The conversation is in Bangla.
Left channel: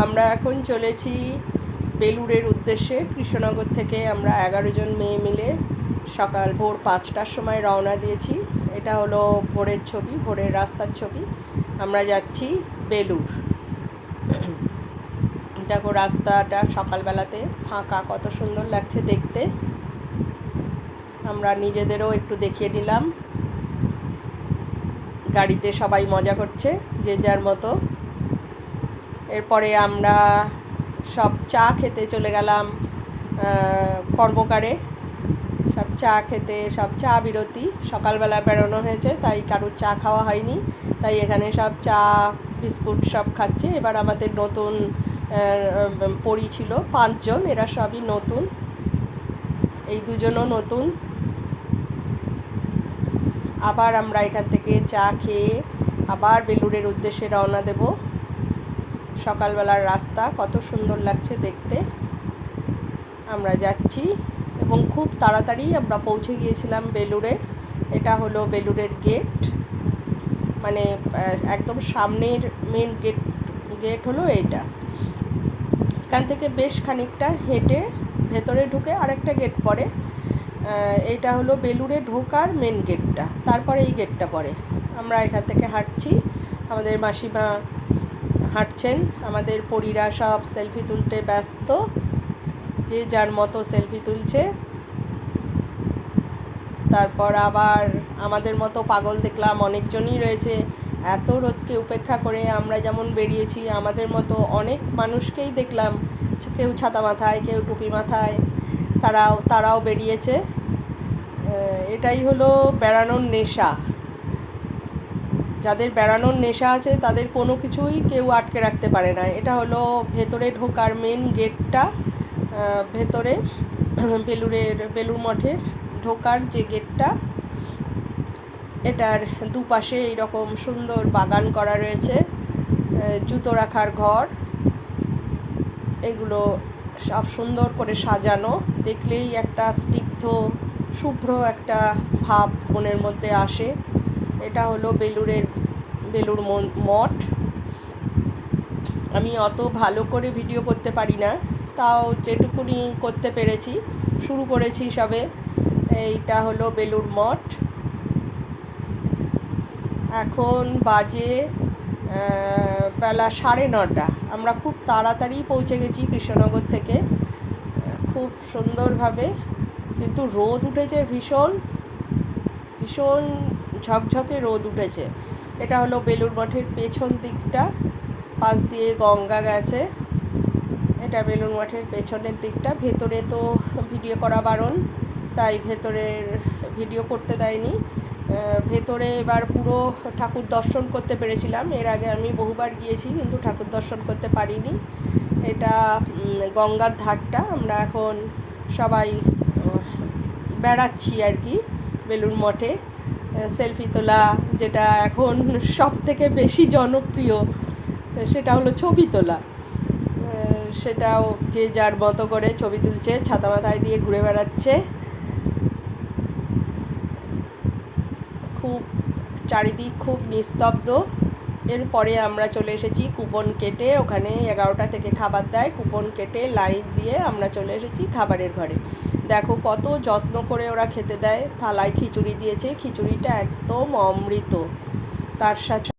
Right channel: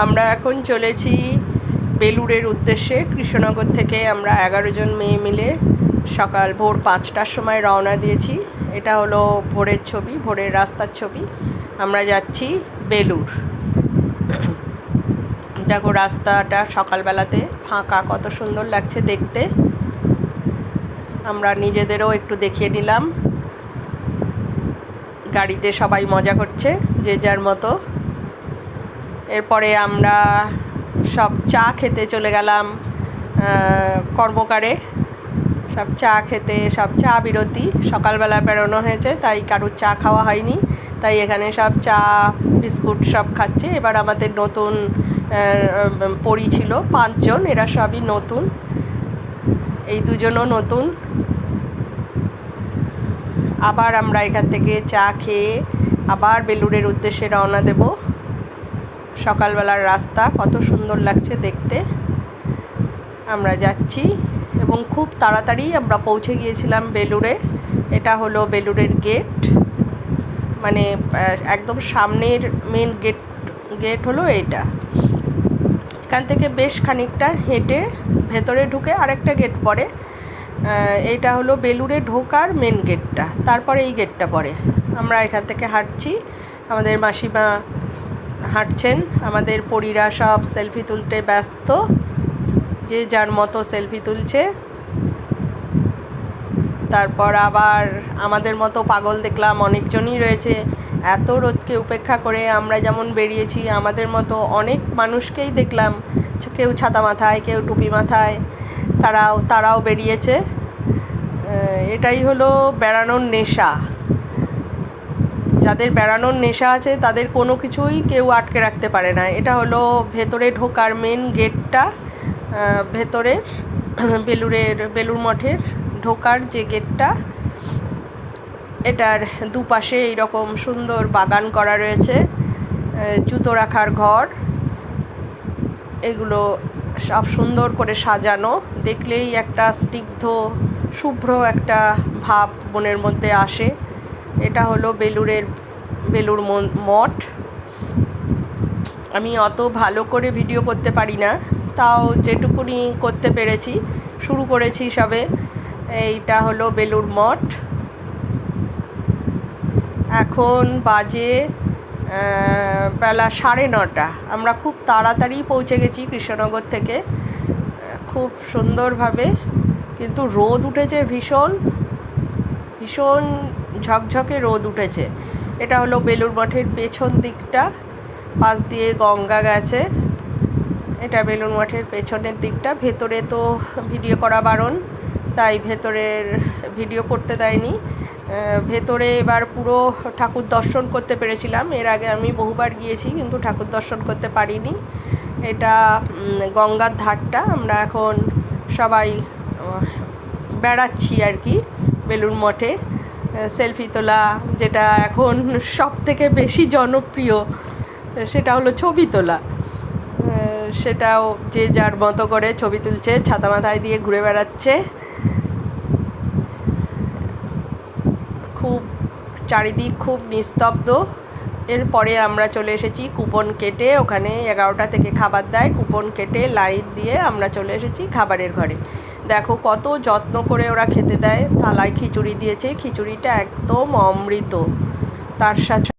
আমরা এখন চলেছি বেলুড়ের উদ্দেশ্যে। কৃষ্ণনগর থেকে আমরা 11 জন মেয়ে মিলে সকাল ভোর 5টার সময় রওনা দিয়েছি। এটা হলো ভোরের ছবি, ভোরের রাস্তার ছবি। আমরা যাচ্ছি বেলুড়। দেখো রাস্তাটা সকালবেলাতে ফাঁকা, কত সুন্দর লাগছে দেখতে। আমরা নিজেদেরও একটু দেখিয়ে নিলাম। গাড়িতে সবাই মজা করছে যে যার মতো। এরপরে আমরা সব চা খেতে চলে গেলাম কর্মকারে। সব চা খেতে, সব চা বিরতি, সকালবেলা বেরোনো হয়েছে তাই কারুর চা খাওয়া হয়নি, তাই এখানে সব চা বিস্কুট সব খাচ্ছে। এবার আমাদের নতুন পরি ছিল 5 জন, এরা সবই নতুন, এই দুজনও নতুন। আবার আমরা এখান থেকে চা খেয়ে আবার বেলুড়ের উদ্দেশ্যে রওনা দেব। সকালবেলার রাস্তা কত সুন্দর লাগছে দেখতে। আমরা যাচ্ছি এবং খুব তাড়াতাড়ি আমরা পৌঁছে গিয়েছিলাম বেলুড়ে। এটা হলো বেলুড়ের গেট, মানে একদম সামনের মেন গেট হলো এইটা। এখান থেকে বেশ খানিকটা হেঁটে ভেতরে ঢুকে আরেকটা গেট পড়ে। এইটা হলো বেলুড়ে ঢোকার মেন গেটটা, তারপরে এই গেটটা পড়ে। আমরা এখান থেকে হাঁটছি, আমাদের মাসিমা হাঁটছেন, আমাদের পরীরা সব সেলফি তুলতে ব্যস্ত, যে যার মতো সেলফি তুলছে। তারপর আবার আমাদের মতো পাগল দেখলাম অনেকজনই রয়েছে। এত রোদকে উপেক্ষা করে আমরা যেমন বেরিয়েছি, আমাদের মতো অনেক মানুষকেই দেখলাম, কেউ ছাতা মাথায়, কেউ টুপি মাথায়, তারাও বেরিয়েছে। এটাই হলো বেড়ানোর নেশা। যাদের বেড়ানোর নেশা আছে তাদের কোনো কিছুই কেউ আটকে রাখতে পারে না। এটা হলো ভেতরে ঢোকার মেন গেটটা, ভেতরের বেলুড় মঠের ঢোকার যে গেটটা। এটার দুপাশে এইরকম সুন্দর বাগান করা রয়েছে, জুতো রাখার ঘর, এগুলো সব সুন্দর করে সাজানো। দেখলেই একটা স্নিগ্ধ শুভ্র একটা ভাব মনের মধ্যে আসে। এটা হলো বেলুড় মঠ। আমি অত ভালো করে ভিডিও করতে পারি না, তাও যেটুকুনি করতে পেরেছি, শুরু করেছি সবে। এইটা হলো বেলুড় মঠ। এখন বাজে বেলা 9:30। আমরা খুব তাড়াতাড়ি পৌঁছে গেছি কৃষ্ণনগর থেকে, খুব সুন্দরভাবে। কিন্তু রোদ উঠেছে ভীষণ ভীষণ ঝকঝকে রোদ উঠেছে। এটা হলো বেলুড় মঠের পেছন দিকটা, পাশ দিয়ে গঙ্গা গেছে। এটা বেলুড় মঠের পেছনের দিকটা। ভেতরে তো ভিডিও করা বারণ, তাই ভেতরের ভিডিও করতে দেয়নি। ভেতরে এবার পুরো ঠাকুর দর্শন করতে পেরেছিলাম। এর আগে আমি বহুবার গিয়েছি, কিন্তু ঠাকুর দর্শন করতে পারিনি। এটা গঙ্গার ধারটা। আমরা এখন সবাই বেড়াচ্ছি আর কি বেলুড় মঠে। সেলফি তোলা, যেটা এখন সব থেকে বেশি জনপ্রিয়, সেটা হলো ছবি তোলা। সেটাও যে যার মতো করে ছবি তুলছে, ছাতা মাথায় দিয়ে ঘুরে বেড়াচ্ছে। খুব চারিদিক খুব নিস্তব্ধ। এরপরে আমরা চলে এসেছি কুপন কেটে, ওখানে 11টা থেকে খাবার দেয়। কুপন কেটে লাইন দিয়ে আমরা চলে এসেছি খাবারের ঘরে। দেখো কত যত্ন করে ওরা খেতে দেয়। থালায় খিচুড়ি দিয়েছে, খিচুড়িটা একদম অমৃত। তার সাথে